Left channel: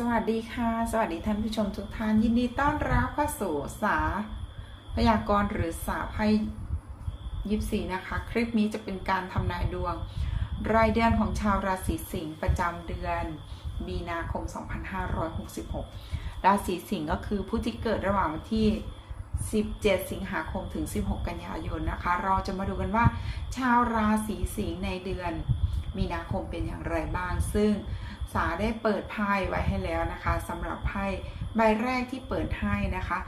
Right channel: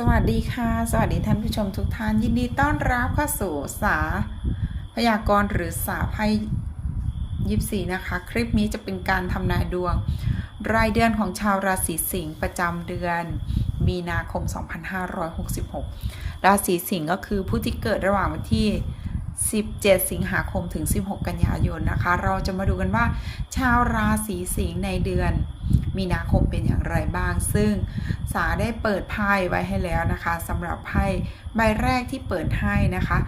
สวัสดีค่ะ สวัสดีท่านผู้ชมทุกท่าน ยินดีต้อนรับเข้าสู่สาพยากรณ์หรือสาไพ่ยิปซีนะคะ คลิปนี้จะเป็นการทำนายดวง รายเดือนของชาวราศีสิงห์ประจำเดือน มีนาคม 2566 ราศีสิงห์ก็คือผู้ที่เกิดระหว่างวันที่ 17 สิงหาคมถึง 16 กันยายนนะคะ เราจะมาดูกันว่า ชาวราศีสิงห์ในเดือน มีนาคมเป็นอย่างไรบ้าง ซึ่งสาได้เปิดไพ่ไว้ให้แล้วนะคะสำหรับไพ่ใบแรกที่เปิดให้นะคะ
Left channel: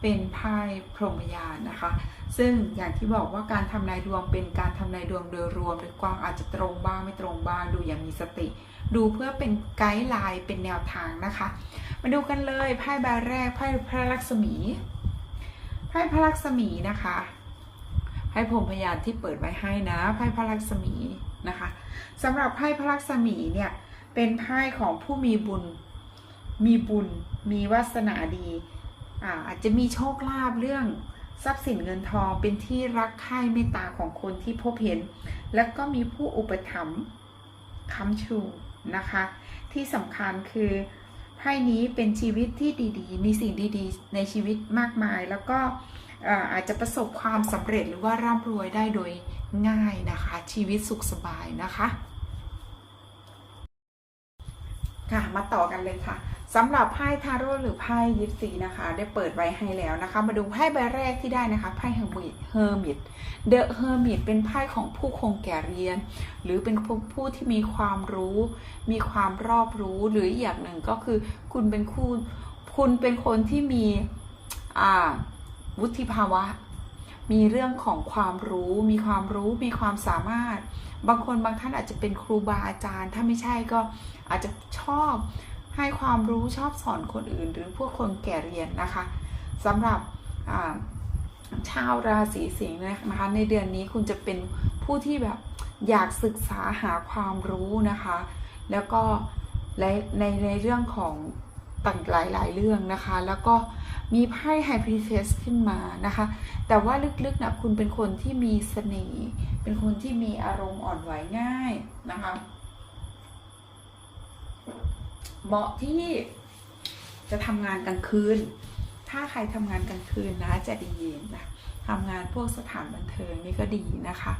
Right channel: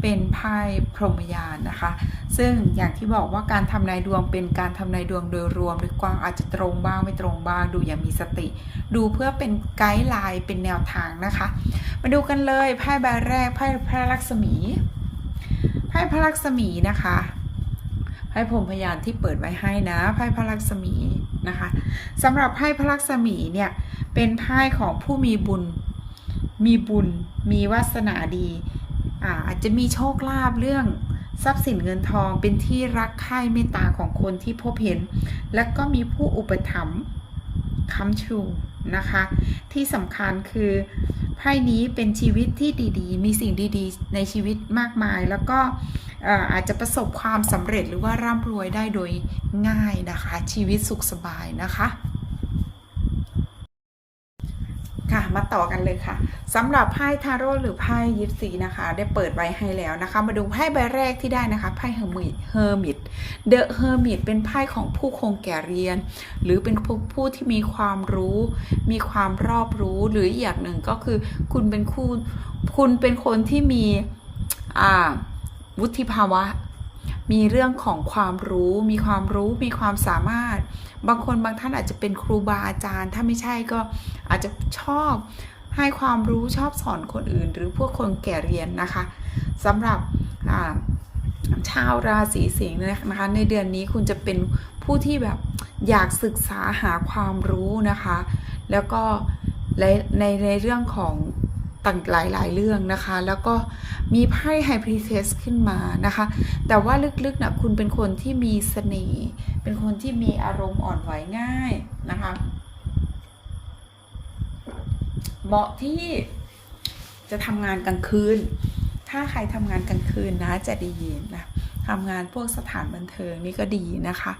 เป็นไพ่พรหมยานนะคะ ซึ่งอย่างที่บอกว่าการทำนายดวงเป็นการทำนายดวงโดยรวมหรือกว้างอาจจะตรงบ้างไม่ตรงบ้างดูอย่างมีสติ ดูเพื่อเป็นไกด์ไลน์เป็นแนวทางนะคะ มาดูกันเลยไพ่ใบแรกไพ่พระลักษมี ไพ่พระลักษมีนะคะไพ่พรมพยานที่เปิดไว้ให้นะไพ่พระลักษมีนะคะสำหรับไพ่พระลักษมีเนี่ยเป็นไพ่ของผู้มีบุญ มีบุญ มีวาสนาดีอาอาจจะมีโชคลาภเรื่องทรัพย์สินเงินทองเป็นที่รักใคร่เมตตาของคนที่พบเห็น และก็มีผู้อุปถัมภ์ค้ำชู นะคะ ที่สำคัญคือไพ่นี้เป็นชีวิตที่ดีๆ มีสิ่งดีๆ ในชีวิตมากมาย แล้วก็เอ่ออาจจะประสบความสำเร็จหรือว่าร่ำรวยได้โดยง่ายนะคะ ชีวิตสุขสบายนะคะ ค่ะมาต่อกันเลยค่ะสำหรับไพ่ทาโร่หรือไพ่ยิปซีนะคะ ได้เปิดไว้ให้แล้วนะคะ มาดูไพ่ใบแรกที่ได้นะคะไพ่เฮอร์มิตเฮอร์มิตเดอะเฮอร์มิตเป็นไพ่ของผู้คงแก่เรียน หรือเป็นผู้ผู้ที่มีความรู้ มีความรอบรู้หรืออีกอย่างหนึ่งก็คือ คุณเป็นคู่คุณเป็นคนที่มีอ่าวุฒิภาวะ มีเรื่องของความรู้ มีความรู้มีความสามารถ บางคนบางท่านอาจจะเป็นครูบาอาจารย์ ถ้าไม่ใช่ก็อาจจะชอบให้ความรู้ชอบสอนคนอื่น หรือพวกคนแก่เรียนนะคะสำหรับชาวราศีสิงห์นะคะ ในเดือนนี้คุณจะเป็นผู้ที่แบบอยากศึกษาหาความรู้นะคะ แล้วก็ในในเรื่องของ ต่างหลายๆเรื่องนะคะ แล้วก็มีไพ่ไฮพรีเทสขึ้นมานะคะ แต่ว่าลึกๆนะคุณเป็นคนที่มีเสน่ห์เป็นคนที่มีอารมณ์อ่อนไหวง่ายนะคะเหมาะที่จะทำงานกลางคืน ถ้าใครทำงานกลางคืนนะจะดีนะทำงานพวกสถานบันเทิงนี่ก็ดีนะคะ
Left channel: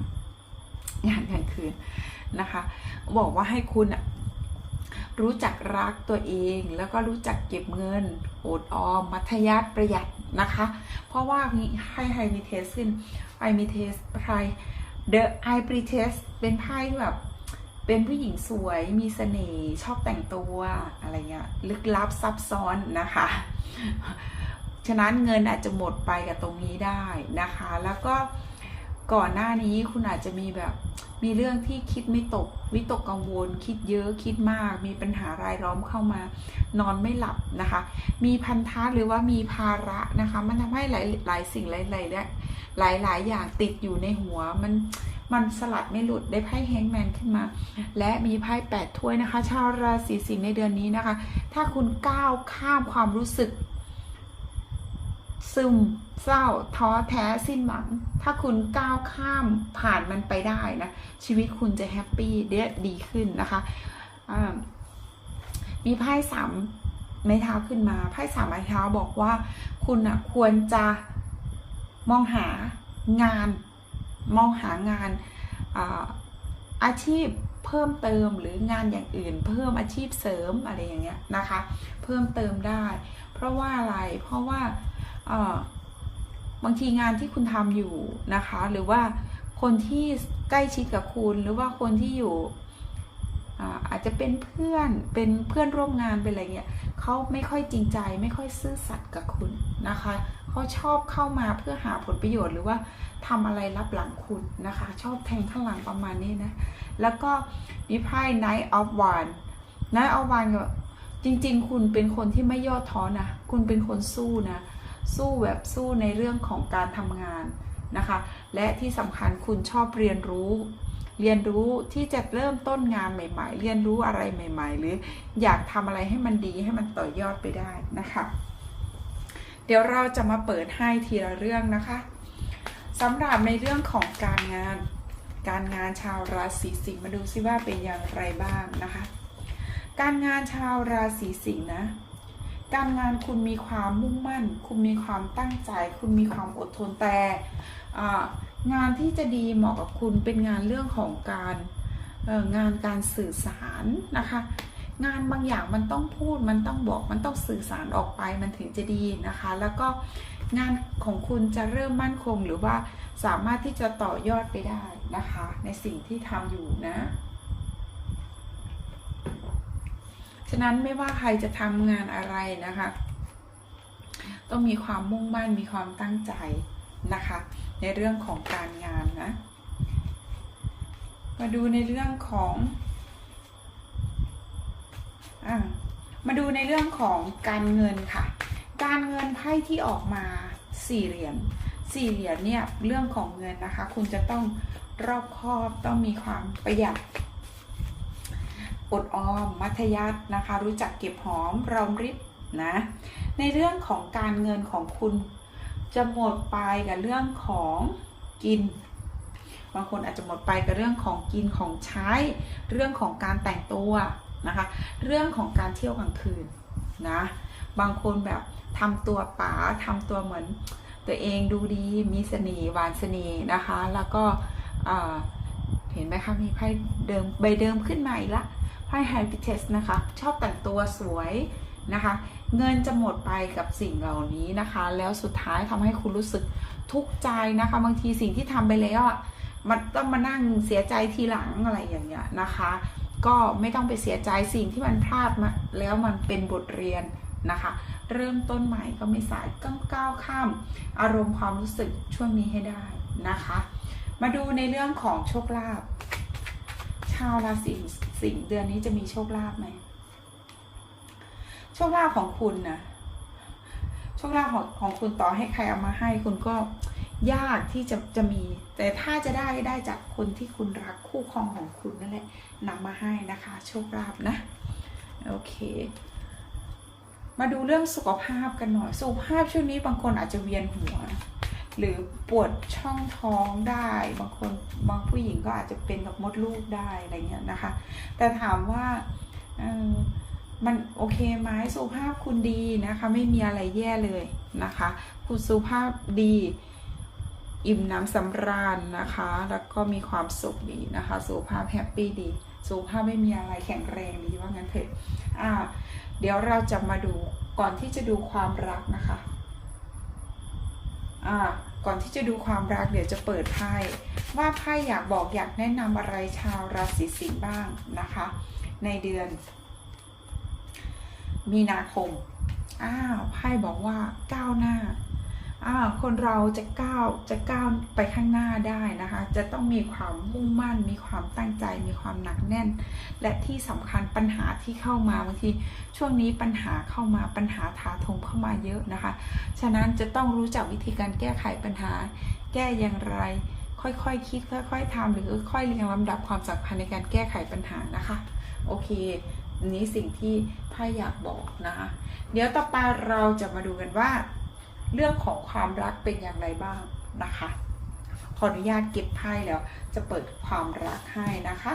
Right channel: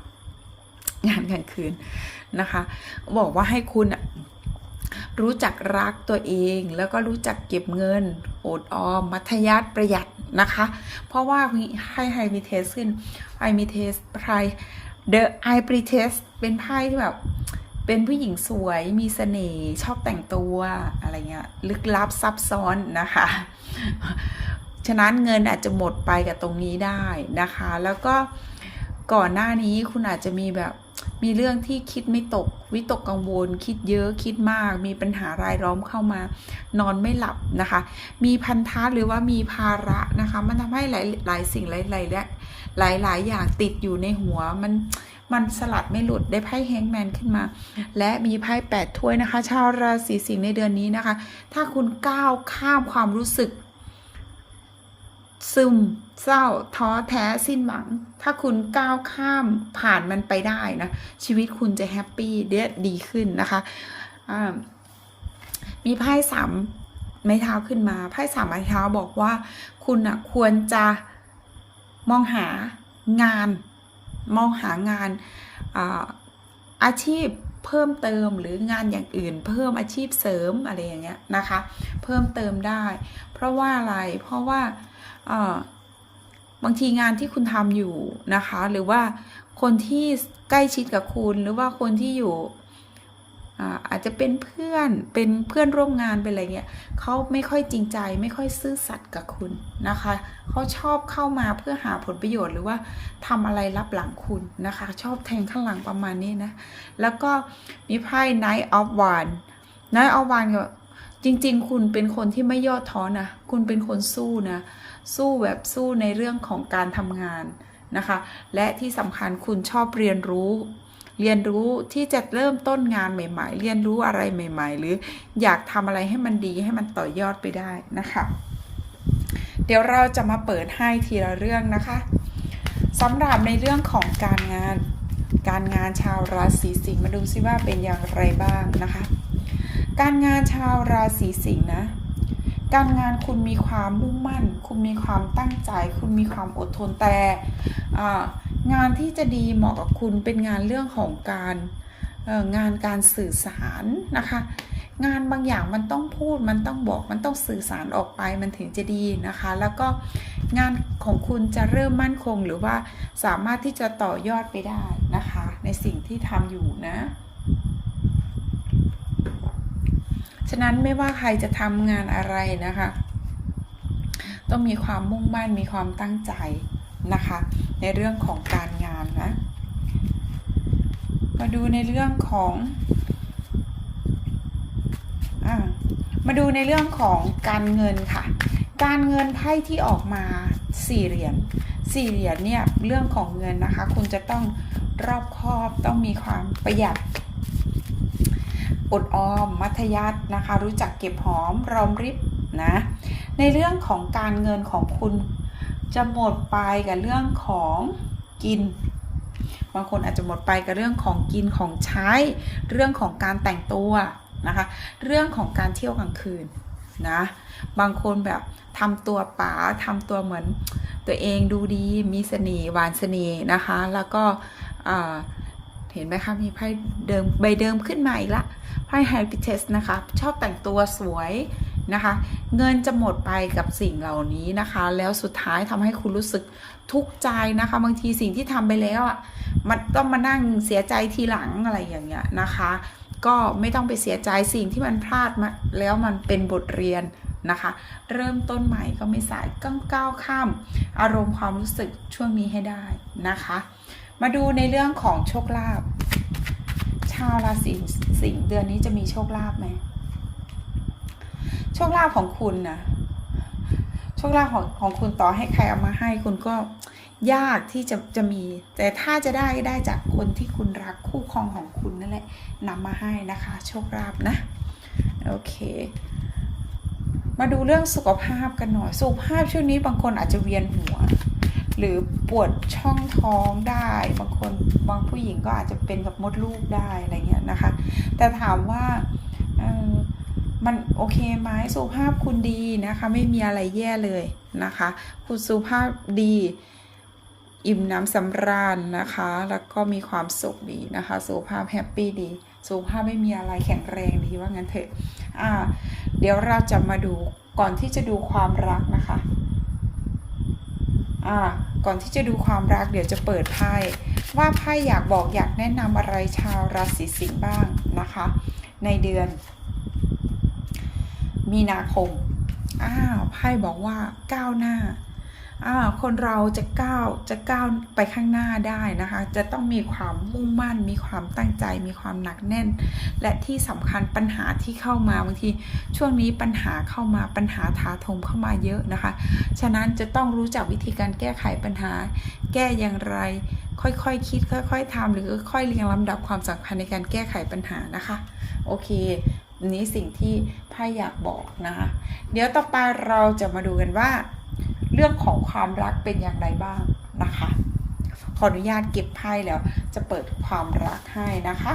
งานกลางคืนนะคะ บอกว่าให้คุณอะ รู้จักรักตัวเอง แล้วก็รู้จักเก็บเงินอดออม มัธยัติประหยัดนะคะ เพราะว่าให้ไฮมีเทสขึ้นไฮมีเทสไพรเดอะไอปรีเทสเป็นไพ่ที่แบบเป็นผู้หญิงสวยมีเสน่ห์ชอบแต่งตัวอะไรเงี้ยลึกลับซับซ้อนนะคะ ฉะนั้นเงินอาจจะหมดไปกับตรงนี้ได้นะคะ แล้วก็ ก่อนหน้านี้คุณอาจจะมีแบบมีเรื่องที่คิดไม่ตก วิตกกังวล คิดเยอะคิดมาก มีปัญหารายล้อมเข้ามานอนไม่หลับนะคะ มีพันธะหรือว่ามีภาระนะคะ มันทำให้หลายหลายสิ่งหลายหลายและหลายหลายอย่างติดอยู่ในหัวมันมันสลัดไม่หลุดได้ไพ่แฮงแมนขึ้นมา และมีไพ่แปดถ้วยนะคะ ชาวราศีสิงห์ในเดือนนี้นะคะ ถ้าคุณก้าวข้ามความรู้สึก ซึมเศร้าท้อแท้สิ้นหวัง ถ้าคุณก้าวข้ามผ่านมันไปได้นะ ชีวิตคุณจะแฮปปี้เดดีขึ้นนะคะอ่ามีไพ่สามไม้เท้าขึ้นมาไพ่สามไม้เท้าบอกว่า คุณอะควรจะมองหางาน มองหางานอาอาชีพเพิ่มเติมหรืองานอย่างอื่น เพิ่มอาชีพเสริมอะไรอย่างเงี้ยนะคะ เพิ่มเติมได้ เพราะว่าอะไรเพราะว่า บางทีงานที่คุณทำอยู่นะคะ หรือว่าคนที่ใกล้ชิดกับคุณ หรือว่าคนที่อยู่อาอาจจะเป็นเพื่อนเป็นเพื่อนร่วมงานเป็นอะไรเงี้ยเขาไม่ค่อยจริงใจ ไม่ค่อยซื่อสัตย์กับคุณนะคะเขาชอบเข้ามาเพื่อหาผลประโยชน์หรือว่าทำอะไรรับหลังคุณนะคะ ชอบแทงข้างหลังประมาณนี้นะ แล้วก็มีไพ่ Night of One Night of One ก็จริง ๆ คุณเป็นคนที่ไม่ย่อท้อนะ คุณเป็นคนสู้นะ สู้แบบสู้ในเรื่องของการทำงานนะคะ และที่สำคัญคุณชอบเรียนรู้ เรียนรู้ที่จะเริ่มต้นงานใหม่ ๆ เรียนรู้อะไรใหม่ ๆ หรืออยากทำอะไรให้มันดีให้มันต่อยอดไปได้นะคะ เดี๋ยวเราจะมาเปิดให้ทีละเรื่องนะคะสำหรับในเรื่องของการงานการงานชาวราศีสิงห์มาดูซิว่าเป็นอย่างไรบ้างนะคะ การงานชาวราศีสิงห์นะ การงานคุณมีความมุ่งมั่น คุณมีความตั้งใจ คุณมีความอดทนแต่งานที่จะดีเหมาะกับคุณเป็นงานเรื่องของการงานการสื่อสารนะคะ งานบางอย่างมันต้องพูดมันต้องบอกมันต้องสื่อสารออกไปมันถึงจะดีนะคะ แล้วก็งานของคุณจะเริ่มมั่นคงหรือว่าสามารถที่จะต่อยอดไปได้นะคะ ในสิ่งที่ทำอยู่นะ ฉะนั้นไม่ว่าใครจะทำงานอะไรนะคะ ต้องมีความมุ่งมั่นมีความตั้งใจนะคะ ในเรื่องของการงานนะ มาดูในเรื่องของอมาดูในเรื่องของการเงินค่ะ การเงินไพ่ที่ออกมาสี่เหรียญสี่เหรียญเนี่ยเรื่องของเงินนะคะ คุณจะต้องรอบคอบต้องมีความประหยัด อดออม มัธยัตินะคะ รู้จักเก็บหอมรอมริบนะ ในเรื่องของการเงินของคุณจะหมดไปกับเรื่องของกิน บางคนอาจจะหมดไปกับเรื่องของกินของใช้ เรื่องของการแต่งตัวนะคะ เรื่องของการเที่ยวกลางคืนนะ บางคนแบบทำตัวป๋าทำตัวเหมือนตัวเองดูดีมีเสน่ห์หวานเสน่ห์นะคะ แล้วก็เห็นไหมคะมีไพ่เดิมใบเดิมขึ้นมาอีกละ ไพ่ไฮพิเทสนะคะ ชอบแต่งตัวสวยนะคะ เงินจะหมดไปกับสิ่งเหล่านี้นะคะ แล้วสุดท้ายทำให้คุณรู้สึกทุกข์ใจนะคะ บางทีสิ่งที่ทำไปแล้วอะมันต้องมานั่งเสียใจทีหลังอะไรอย่างเงี้ยนะคะ ก็ไม่ต้องไปเสียใจสิ่งที่มันพลาดมาแล้วมันเป็นบทเรียนนะคะ เริ่มต้นใหม่ก็ไม่สายก้าก้าวข้าม อารมณ์ความรู้สึกช่วงนี้ให้ได้นะคะ มาดูในเรื่องของโชคลาภ ชาวราศีสิงห์เดือนนี้จะมีโชคลาภไหมโชคลาภของคุณนะโชคลาภของของคุณต่อให้ใครเอามาให้คุณก็ยากที่จะจะมี แต่ถ้าจะได้ได้จากคนที่คุณรักคู่ครองของคุณนั่นแหละนำมาให้นะคะ โชคลาภนะโอเค มาดูเรื่องสุขภาพกันหน่อย สุขภาพช่วงนี้บางคนอาจจะเวียนหัว หรือปวดช่องท้องได้บางคนบางผู้หญิงก็อาจจะเป็นกับมดลูกได้อะไรเงี้ยนะคะ แต่ถามว่าออมันโอเคไหมสุขภาพคุณดีนะคะ ไม่มีอะไรแย่เลยนะคะ คุณสุขภาพดี อิ่มน้ำสำราญนะคะ แล้วก็มีความสุขดีนะคะ สุขภาพแฮปปี้ดีสุขภาพไม่มีอะไรแข็งแรงดีว่างั้นเถอะอ่า เดี๋ยวเราจะมาดูก่อนที่จะดูความรักนะคะ อ่า ก่อนที่จะดูความรักเดี๋ยวจะเปิดไพ่ว่าไพ่อยากบอกอยากแนะนำอะไรชาวราศีสิงห์บ้างนะคะ ในเดือน มีนาคมอ้าวไพ่บอกว่าก้าวหน้า คนเราจะก้าวจะก้าวไปข้างหน้าได้นะคะ จะต้องมีความมุ่งมั่น มีความตั้งใจ มีความหนักแน่น และที่สำคัญปัญหาที่เข้ามาบางทีช่วงนี้ปัญหาเข้ามาปัญหาถาโถมเข้ามาเยอะนะคะ ฉะนั้นจะต้องรู้จักวิธีการแก้ไขปัญหา แก้อย่างไร ค่อยๆคคิด ค่อย ๆทำหรือค่อยเรียงลำดับความสำคัญในการแก้ไขปัญหานะคะโอเคนนี้สิ่งที่ไพ่อยากบอกนะคะ เดี๋ยวต่อไปเราจะมาดูกันว่า เรื่องของความรักเป็นอย่างไรบ้างนะคะ ขออนุญาตเก็บไพ่แล้ว จะเปิดความรักให้นะคะ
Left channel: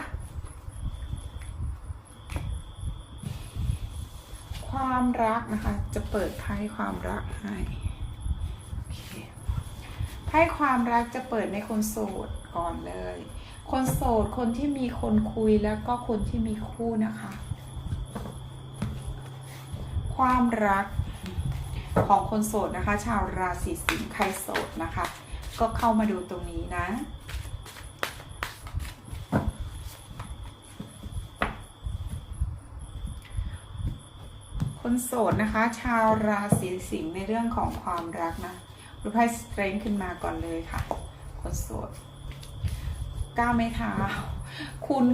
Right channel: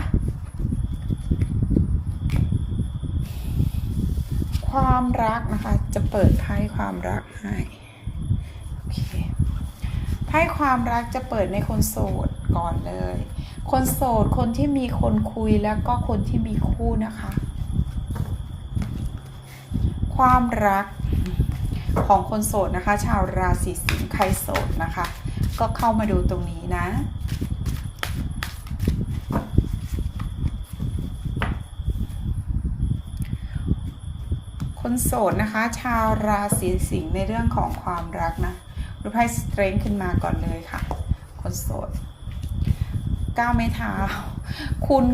ความรักนะคะจะเปิดไพ่ความรักให้ไพ่ความรักจะเปิดในคนโสดก่อนเลย คนโสดคนที่มีคนคุยแล้วก็คนที่มีคู่นะคะ ความรัก ของคนโสดนะคะ ชาวราศีสิงห์ใครโสดนะคะ ก็เข้ามาดูตรงนี้นะคนโสดนะคะ ชาวราศีสิงห์ในเรื่องของความรักนะดูไพ่สเตรนขึ้นมาก่อนเลยค่ะ คนโสดก้าวไม่เท้าคุณ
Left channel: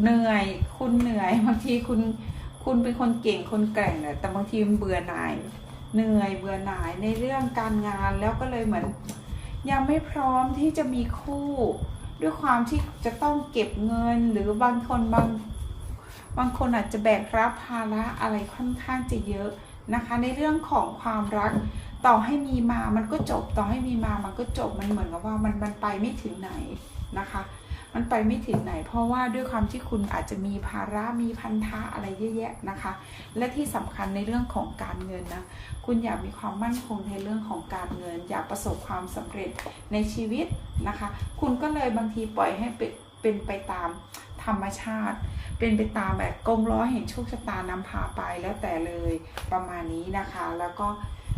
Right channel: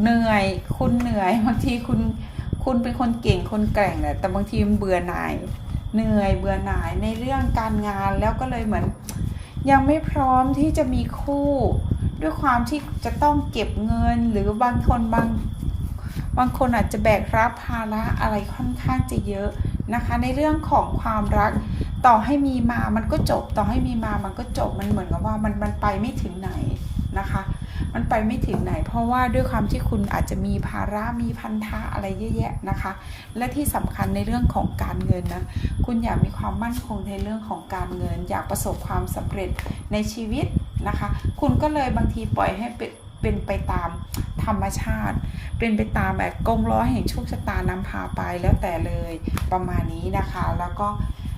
เหนื่อย คุณเหนื่อยบางทีคุณคุณเป็นคนเก่งคนแกร่งแหละแต่บางทีมันเบื่อหน่าย เหนื่อยเบื่อหน่ายในเรื่องการงานแล้วก็เลยเหมือน ยังไม่พร้อมที่จะมีคู่ ด้วยความที่จะต้องเก็บเงินหรือบางคนบางบางคนอาจจะแบกรับภาระอะไรค่อนข้างจะเยอะนะคะ ในเรื่องของความรักต่อให้มีมามันก็จบ ต่อให้มีมามันก็จบมันเหมือนกับว่ามันมันไปไม่ถึงไหนนะคะ มันไปไม่ถึงไหน เพราะว่าด้วยความที่คุณอาจจะมีภาระมีพันธะอะไรเยอะแยะนะคะ และที่สำคัญในเรื่องของการเงินนะคุณอยากมีความมั่นคงในเรื่องของการเงิน อยากประสบความสำเร็จในชีวิตนะคะ คุณก็เลยบางทีปล่อยให้เป็นเป็นไปตามธรรมชาติ เป็นไปตามแบบกงล้อแห่งโชคชะตานำพาไปแล้วแต่เลยประมาณนี้นะคะ แล้วก็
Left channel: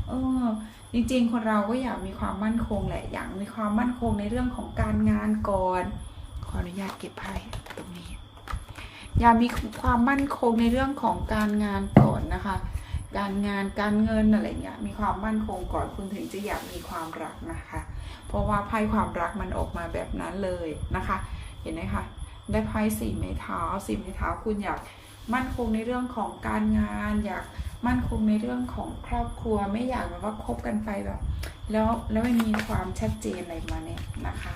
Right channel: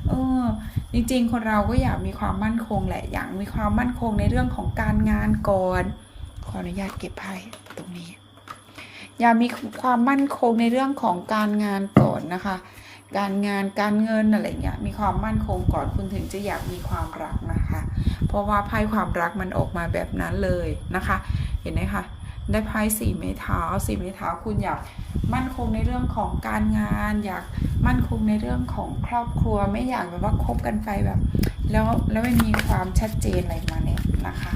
เออจริงๆ คนเราก็อยากมีความมั่นคงแหละ อยากมีความมั่นคงในเรื่องของการงานก่อน ขออนุญาตเก็บไพ่ตรงนี้ อย่ามีความมั่นคงในเรื่องของการงานก่อนนะคะ การงานการเงินอะไรเงี้ยมีความมั่นคงก่อนคุณถึงจะอยากมีความรักนะคะ เพราะว่าไพ่ความรักมันออกมาแบบนั้นเลยนะคะ เห็นไหมคะได้ไพ่สี่ไม้เท้าสี่ไม้เท้าคุณอยากมั่นคงในเรื่องของการงาน อยากมั่นคงในเรื่องของครอบครัว ไม่อยากแบบว่าคบกันไปแบบ แล้วแล้วไม่มีความชัดเจนอะไรมาเนี่ยนะคะ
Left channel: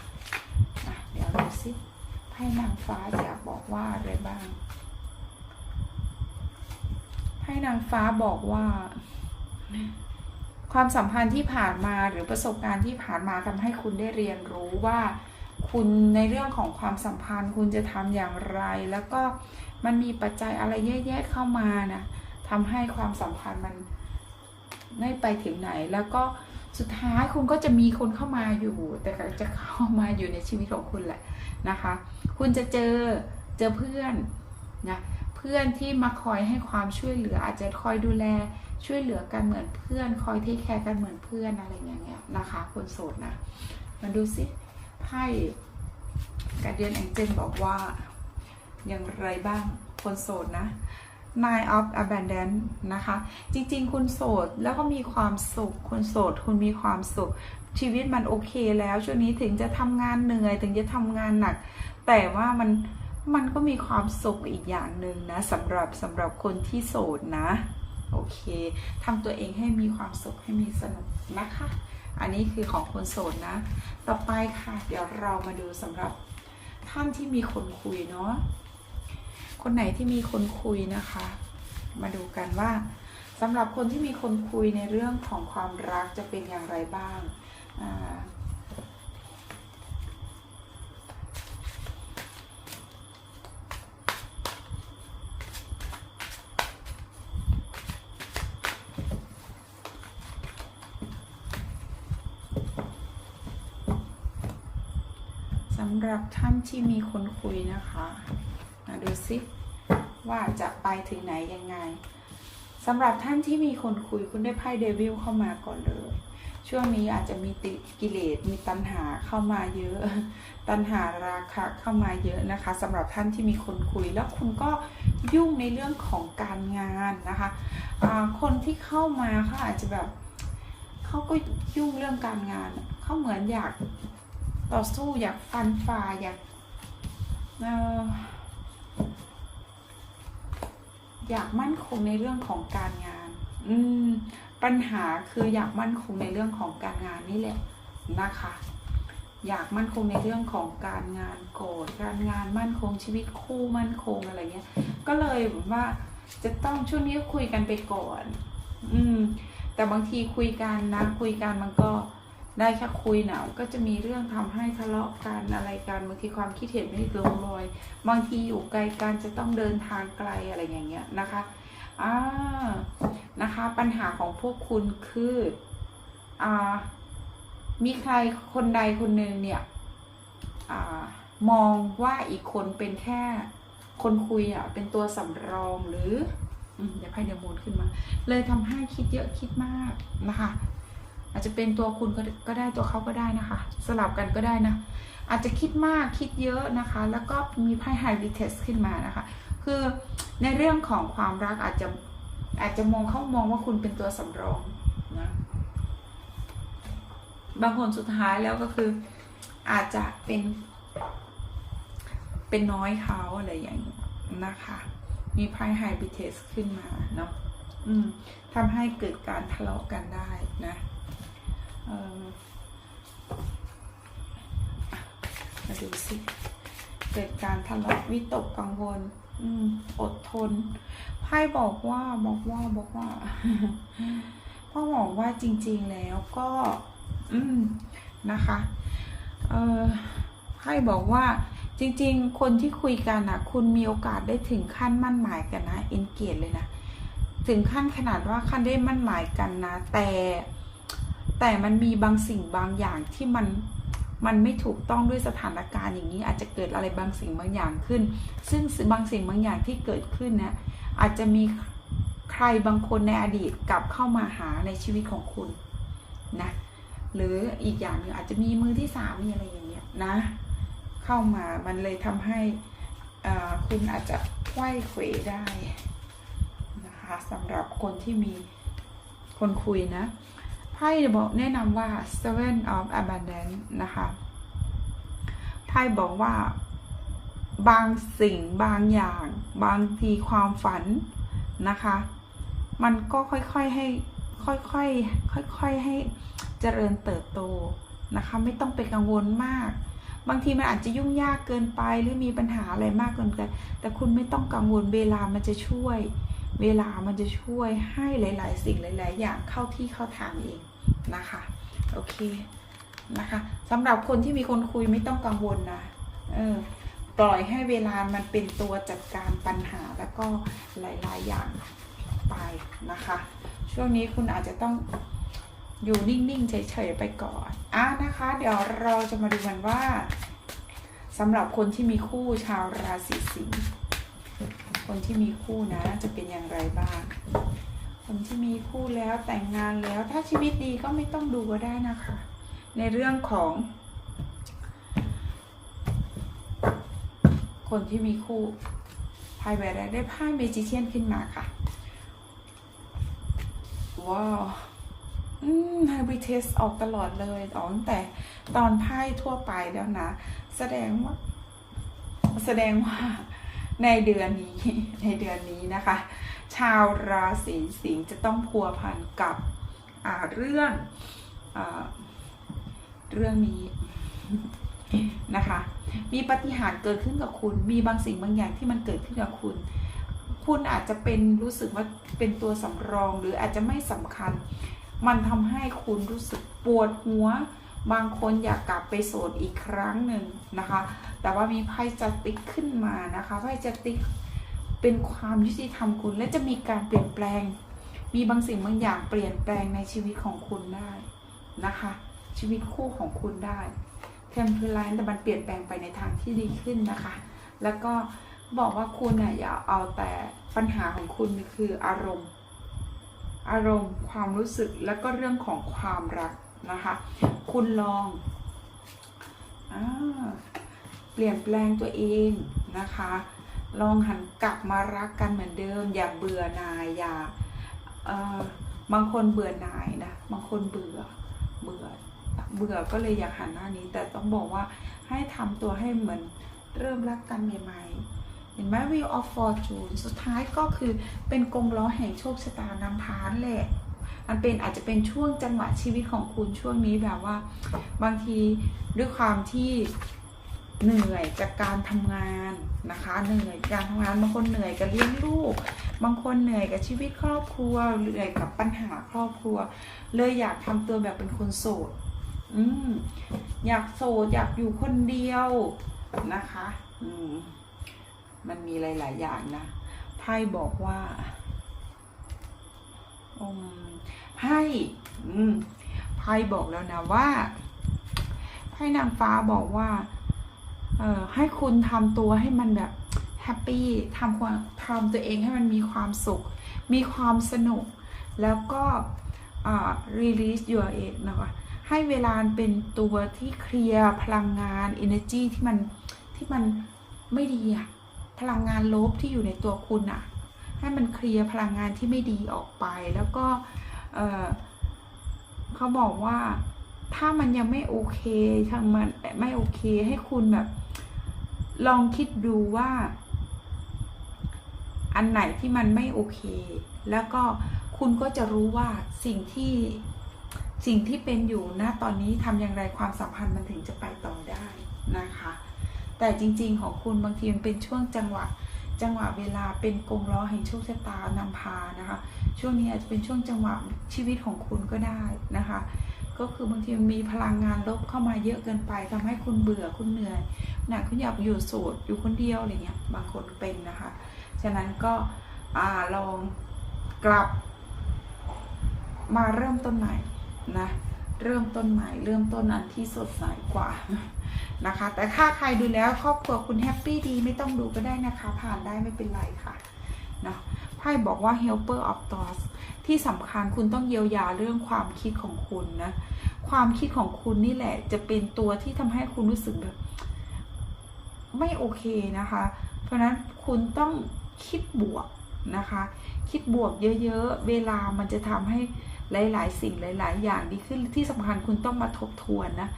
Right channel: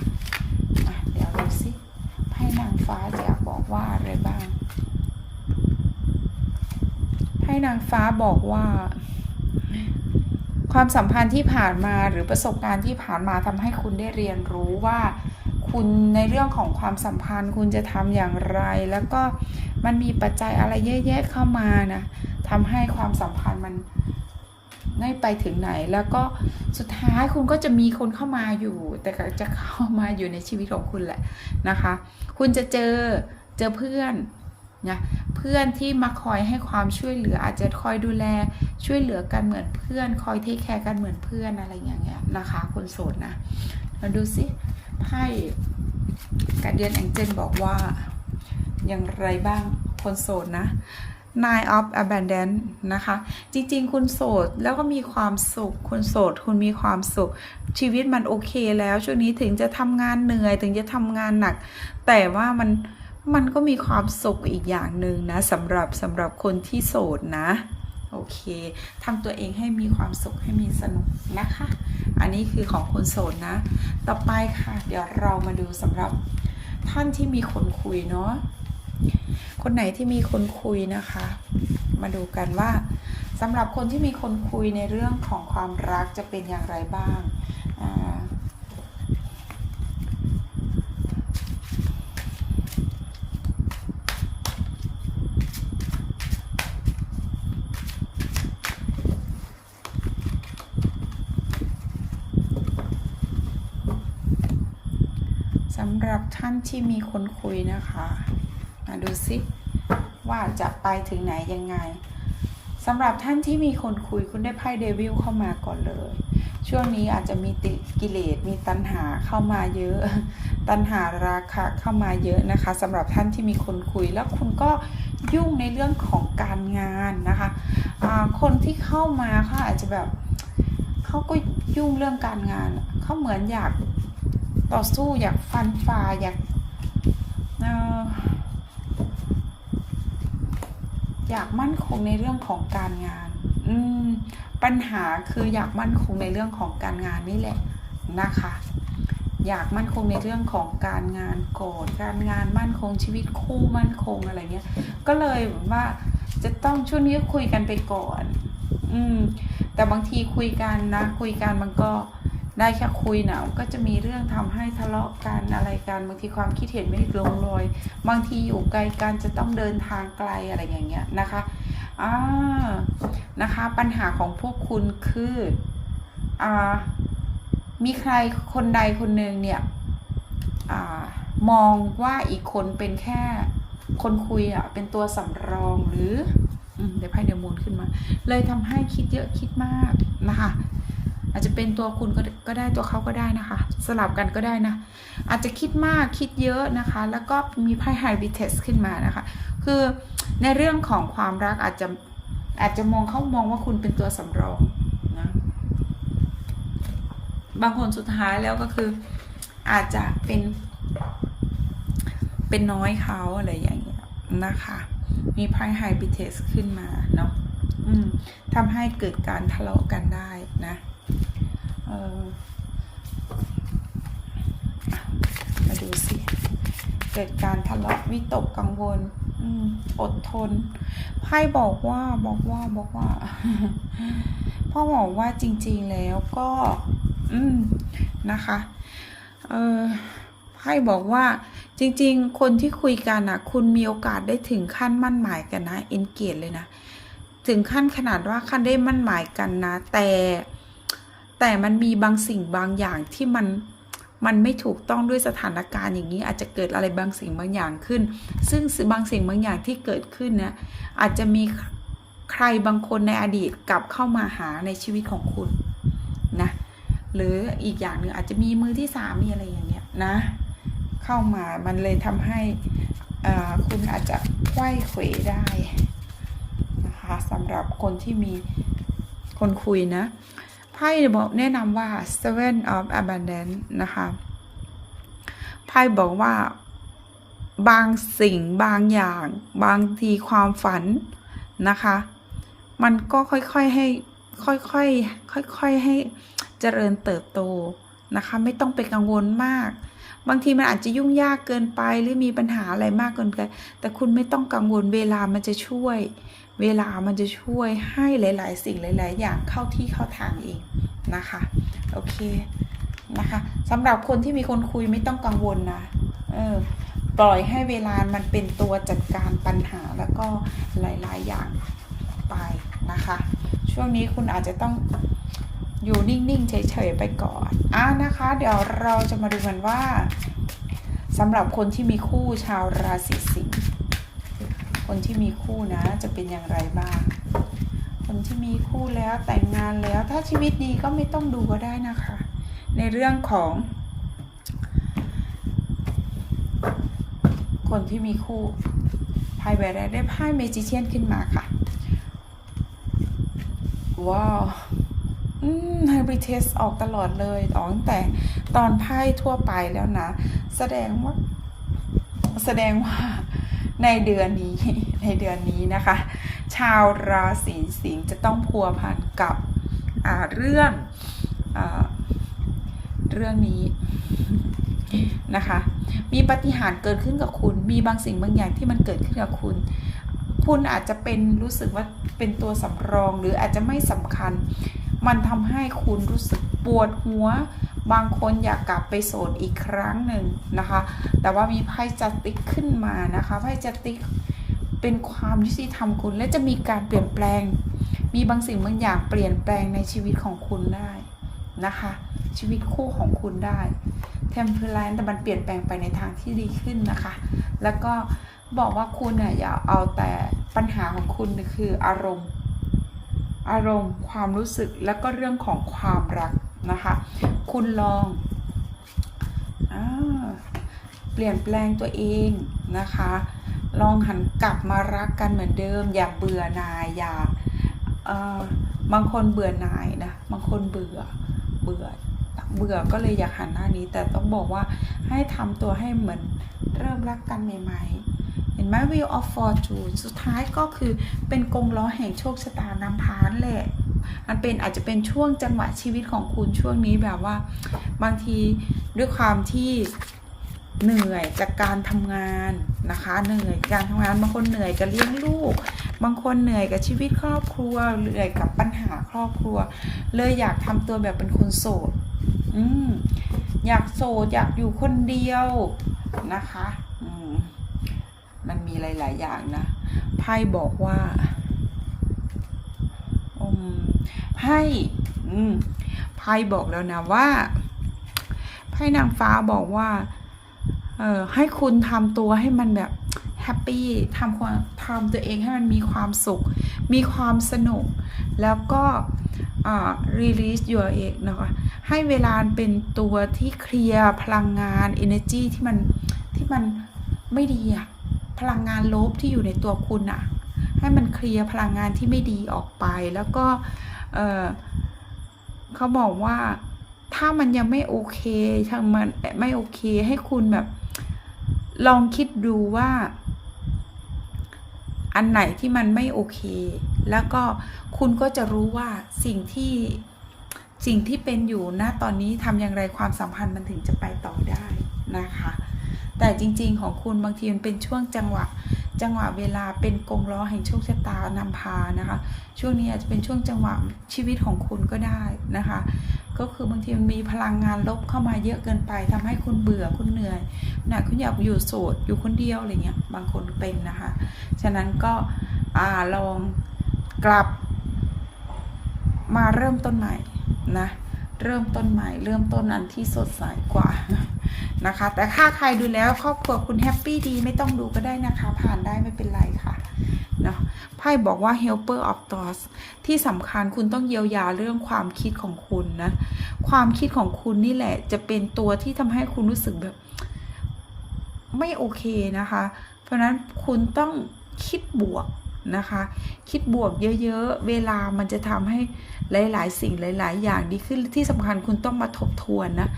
สิไพ่นางฟ้าจะอยากบอกว่าอะไรบ้างไพ่นางฟ้าบอกว่า ความสัมพันธ์ที่ผ่านมาหรือประสบการณ์ที่ผ่านมาทำให้คุณได้เรียนรู้ว่า คุณในเรื่องของความสัมพันธ์ คุณจะทำอย่างไร แล้วก็มันมีปัจจัยอะไรเยอะแยะเข้ามานะทำให้ความสัมพันธ์มัน ไม่ไปถึงไหน แล้วก็สุดท้ายคุณก็จะมีคนเข้ามาอยู่ แต่จะเข้ามาอยู่ในชีวิตของคุณแหละนะคะ คุณจะเจอเจอเพื่อนนะเพื่อนที่มาคอยให้ความช่วยเหลือ อาจจะคอยดูแลช่วยเหลือกันเหมือนเพื่อน คอยเทคแคร์กันเหมือนเพื่อนอะไรอย่างเงี้ยนะคะคนโสดนะมาดูสิไพ่การเดียนแองเจนบอกว่าอย่างไรบ้างคนโสดนะ Nine of Abundance นะคะ จริง ๆ คุณโสดแล้วก็มีความสุข คุณโสด คุณมีความสุข ชีวิตมันโอเคแล้ว ช่วงนี้ถึงจะทำงานเหนื่อย ถึงจะทำงานหนัก แต่ว่ามันมันก็มีความสุขอีกอย่างหนึ่งนะสำหรับสำหรับคนที่โสดนะ โอเคทำตัวเองให้มีความสุขให้มีสนุกนะคะ อันนี้คือของคนโสดนะ ต่อไปค่ะ เดี๋ยวเรามาดูสำหรับท่านที่มีคนคุยเนาะ คนไหนที่มีคนคุยนะคะ มาดูกันว่าสำหรับคนที่มีคนคุยในเรื่องของความรักจะเป็นอย่างไรบ้างสำหรับท่านที่มีคนคุยนะคะ มาดูซิว่าจะไปถึงไหนยังไงสำหรับท่านที่มีคนคุยคุณได้ไพ่เดวิลเข้ามาก่อนเลย ช่วงนี้อาจจะมีติกิเลสมีตัณหาเข้ามาเยอะ ตัณหาราคะเข้ามาเยอะนะคะสำหรับท่านที่มีคนคุยแล้วคุณก็ยุ่งในเรื่องของการงานนะคะคนที่เข้ามาเขาอาจจะแบบเขาก็ยุ่งเรื่องการงานเขาเหมือนอยากต่อสู้อยากฟันฝ่าอยากเอยากมั่นคงในเรื่องของการงาน อืม ปัญหาคืออยากมั่นคงในเรื่องของการงานนี่แหละนะคะ อยากมั่นคงในเรื่องของการงานโกรธการงานมั่นคงชีวิตคู่มั่นคงอะไรเงี้ย ก็เลยแบบว่าจะต้องช่วงนี้คุยกันไปก่อน อืม แต่บางทีคุยกันนะ คุยกันมันก็ ได้แค่คุยนะก็จะมีเรื่องทำให้ทะเลาะกันอะไรกันบางทีความคิดเห็นไม่ลงรอยบางทีอยู่ไกลกันจะต้องเดินทางไกลอะไรอย่างเงี้ยนะคะอ่านะคะปัญหาของพวกคุณคืออ่ามีใครคนใดคนหนึ่งเนี่ยอ่ามองว่าอีกคนเป็นแค่คนคุยอะเป็นตัวสำรองหรืออืมเดี๋ยวไพ่เดี๋ยวมูนขึ้นมา เลยทำให้คิดเยอะคิดมากนะคะ อาจจะเป็นตัวคุณก็ได้ตัวเขาก็ได้นะคะ สลับกันก็ได้นะ อาจจะคิดมากคิดเยอะนะคะ แล้วก็มีไพ่ไฮบิเทสขึ้นมานะคะ คือในเรื่องของความรักอาจจะอาจจะมองเขามองว่าคุณเป็นตัวสำรองนะบางคนสุดท้ายแล้วก็คืออาจจะเป็นเป็นน้อยเขาอะไรอย่างเงี้ยนะคะ มีไพ่ไฮบิเทสขึ้นมาเนาะทำให้เกิดการทะเลาะกันได้นะ มาดูสิ เกิดการทะเลาะวิตกกังวลอดทนไพ่บอกว่าบอกว่าบอกว่าพ่อบอกว่าจริงๆแล้วก็ อืมนะคะ เออไพ่บอกว่าจริง ๆ คนที่คุยกันนะคุณมีโอกาสได้ถึงขั้นมั่นหมายกันนะเอ็นเกจเลยนะ ถึงขั้นขนาดว่าขั้นได้มั่นหมายกันนะ แต่ แต่มันมีบางสิ่งบางอย่างที่มันมันไม่ถูกต้องด้วยสถานการณ์อย่างนี้ อาจจะเกิดอะไรบางสิ่งบางอย่างขึ้น ซึ่งบางสิ่งบางอย่างที่เกิดขึ้นนะอาจจะมีใครบางคนในอดีตกลับเข้ามาหาในชีวิตของคุณนะหรืออีกอย่างหนึ่งอาจจะมีมือที่สามมีอะไรอย่างเงี้ยนะ เข้ามามันเลยทำให้คุณอาจจะไขว้เขวได้นะคะสำหรับคนที่มีคนคุยนะ ไพ่บอกแนะนำว่า seven of abundance นะคะไพ่บอกว่าบางสิ่งบางอย่างบางทีความฝันนะคะ มันก็ค่อยๆให้ค่อยๆค่อยๆให้เจริญเติบโตนะคะ ไม่ต้องไปกังวลมาก บางทีมันอาจจะยุ่งยากเกินไปหรือมีปัญหาอะไรมากเกินไปแต่คุณไม่ต้องกังวลเวลามันจะช่วย เวลามันจะช่วยให้หลาย ๆ สิ่งหลาย ๆ อย่างเข้าที่เข้าทางเองนะคะ โอเคนะคะสำหรับคนที่มีคนคุยไม่ต้องกังวลนะเออปล่อยให้เวลามันเป็นตัวจัดการปัญหาแล้วก็หลาย ๆ อย่างไปนะคะ ช่วงนี้คุณอาจจะต้องอยู่นิ่ง ๆ เฉย ๆ ไปก่อนอะนะคะ เดี๋ยวเราจะมาดูกันว่าสำหรับคนที่มีคู่ชาวราศีสิงห์ คนที่มีคู่นะจะเป็นอย่างไรบ้าง คนที่มีคู่แล้วแต่งงานแล้วถ้าชีวิตดีก็ไม่ต้องดูก็ได้นะคะ ในเรื่องของ คนที่มีคู่ไพ่ใบแรกได้ไพ่เมจิเชียนขึ้นมาค่ะ ว้าวอืมไฮบริเทสออกตลอดเลยออกตั้งแต่ตอนไพ่ทั่วไปแล้วนะ แสดงว่า แสดงว่า ในเดือนนี้ในเดือนนี้นะคะ ชาวราศีสิงห์จะต้องพัวพันกับเรื่องอเรื่องนี้นะคะ มีปฏิหารเกิดขึ้นกับคุณ มีบางสิ่งบางอย่างที่มันเกิดขึ้นกับคุณ คุณอาจจะเป็นรู้สึกว่าเป็นตัวสำรองหรืออาจจะไม่สำคัญ มันทำให้คุณรู้สึกปวดหัว บางคนอยากกลับไปโสดอีกครั้งหนึ่งนะคะ แต่ว่ามีไพ่จัติกขึ้นมานะคะไพ่จัติกเป็นความยุติธรรมคุณ และจะมีการเปลี่ยนแปลง มีบางสิ่งบางอย่างเปลี่ยนแปลงในชีวิตของคุณได้นะคะ ชีวิตคู่ของคุณได้เทมเพลนแต่มันเปลี่ยนแปลงไปในทางที่ดีขึ้นนะคะ แล้วก็บอกว่าคุณเนี่ยอย่าเอาแต่ปัญหาของคุณคืออารมณ์ อารมณ์ความรู้สึกแล้วก็เรื่องของความรัก นะคะ คุณลองอเปลี่ยนแปลงตัวเองนะคะ ลองหันกลับมารักกันเหมือนเดิม อย่าเบื่อหน่ายอย่าบางคนเบื่อหน่ายนะบางคนเบื่อเบื่อเบื่อก็เลยอยากหันหน้านี้ แต่ต้องบอกว่าให้ทำตัวให้เหมือนเริ่มรักกันใหม่ ๆ เห็นไหม Wheel of Fortune สุดท้ายก็คือเป็นกงล้อแห่งโชคชะตานำพานแหละ มันเป็นอาจจะเป็นช่วงจังหวะชีวิตของคุณช่วงนี้แบบว่า บางทีด้วยความที่เหนื่อยจากการทำงานนะคะ เหนื่อยการทำงานบางคนเหนื่อยกับเลี้ยงลูก บางคนเหนื่อยกับชีวิตครอบครัวเหนื่อยกับปัญหาครอบครัว เลยอยากทำตัวแบบเป็นคนโสดอืมอยากโสดอยากอยู่คนเดียวนะคะ อืมมันมีหลาย ๆ อย่างนะไพ่บอกว่า อืมไพ่ไพ่บอกแล้วนะว่าไพ่นางฟ้าบอกว่า เออให้คุณทำตัวให้มันแบบแฮปปี้ทำความทำตัวเองให้มันมีความสุข มีความสนุก แล้วก็อ่า release your เองนะคะให้เวลาเป็นตัวที่เคลียร์พลังงาน energy ที่มันที่มันไม่ดีอะพลังงานลบที่อยู่ในตัวคุณอะ ให้มันเคลียร์พลังงานที่ไม่ดีออกไป แล้วก็เออเขาบอกว่าถ้ามันยังไม่โอเคถ้ามันไม่โอเคให้คุณแบบ ลองคิดดูว่า อันไหนที่มันไม่โอเค แล้วก็คุณก็จะรู้ว่าสิ่งที่สิ่งที่เป็นอยู่ณตอนนี้ทำอย่างไรความสัมพันธ์มันถึงจะไปต่อได้นะคะ แต่จริง ๆ ของคุณบางทีมันเป็นช่วงจังหวะ จังหวะเวลาเป็นกงล้อแห่งโชคชะตานำพานะคะ ช่วงนี้อาจจะเป็นช่วงจังหวะชีวิตของคุณก็ได้นะคะ ก็คือบางทีมีพลังงานลบเข้ามาเยอะเกินไปทำให้คุณเบื่อคุณเหนื่อยนะคุณอยากอยู่โสดอยู่คนเดียวอะไรเงี้ยบางคนเป็นนะคะ ฉะนั้นก็อลองกลับมาเริ่มต้นใหม่นะเริ่มต้นใหม่ เริ่มต้นอันที่สดใสกว่า นะคะ แต่ถ้าใครดูแล้วครอบครัวคุณแฮปปี้ดีไม่ต้องดูก็ได้นะคะ ผ่านได้ไม่เป็นไรค่ะเนาะไพ่บอกว่า helper of thoughts ที่สำคัญคุณต้องเยียวยาเรื่องความคิดของคุณนะ ความคิดของคุณนี่แหละ จะเป็นตัวที่ทำให้คุณรู้สึกแบบ ไม่โอเคนะคะ เพราะฉะนั้นคุณต้องคิดบวก นะคะ คิดบวกเยอะๆ เวลามันจะทำให้หลายๆ สิ่งหลาย ๆ อย่างดีขึ้นที่สำคัญคุณต้องมาทบทวนนะ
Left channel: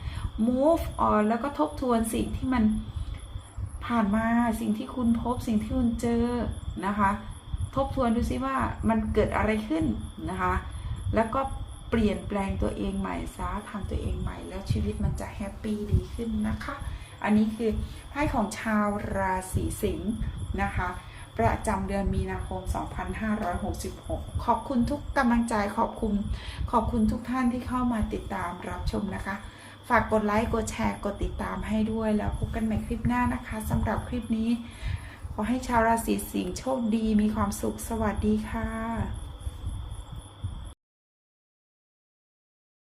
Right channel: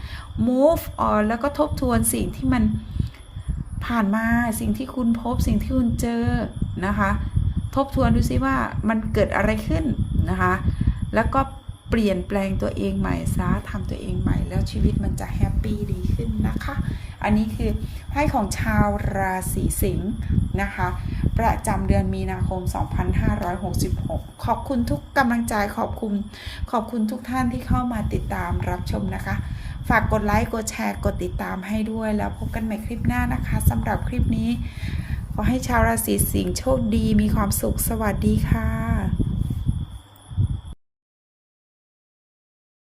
move on แล้วก็ทบทวนสิ่งที่มันผ่านมาสิ่งที่คุณพบสิ่งที่คุณเจอนะคะ ทบทวนดูซิว่ามันเกิดอะไรขึ้นนะคะ แล้วก็เปลี่ยนแปลงตัวเองใหม่ซะทำตัวเองใหม่ แล้วชีวิตมันจะแฮปปี้ดีขึ้นนะคะ อันนี้คือไพ่ของชาวราศีสิงห์นะคะ ประจำเดือนมีนาคม 2566 ขอบคุณทุกกำลังใจขอบคุณขอบคุณทุกท่านที่เข้ามาติดตามรับชมนะคะ ฝากกดไลค์กดแชร์กดติดตามให้ด้วยแล้วพบกันใหม่คลิปหน้านะคะสำหรับคลิปนี้ ขอให้ชาวราศีสิงห์โชคดีมีความสุขสวัสดีค่ะ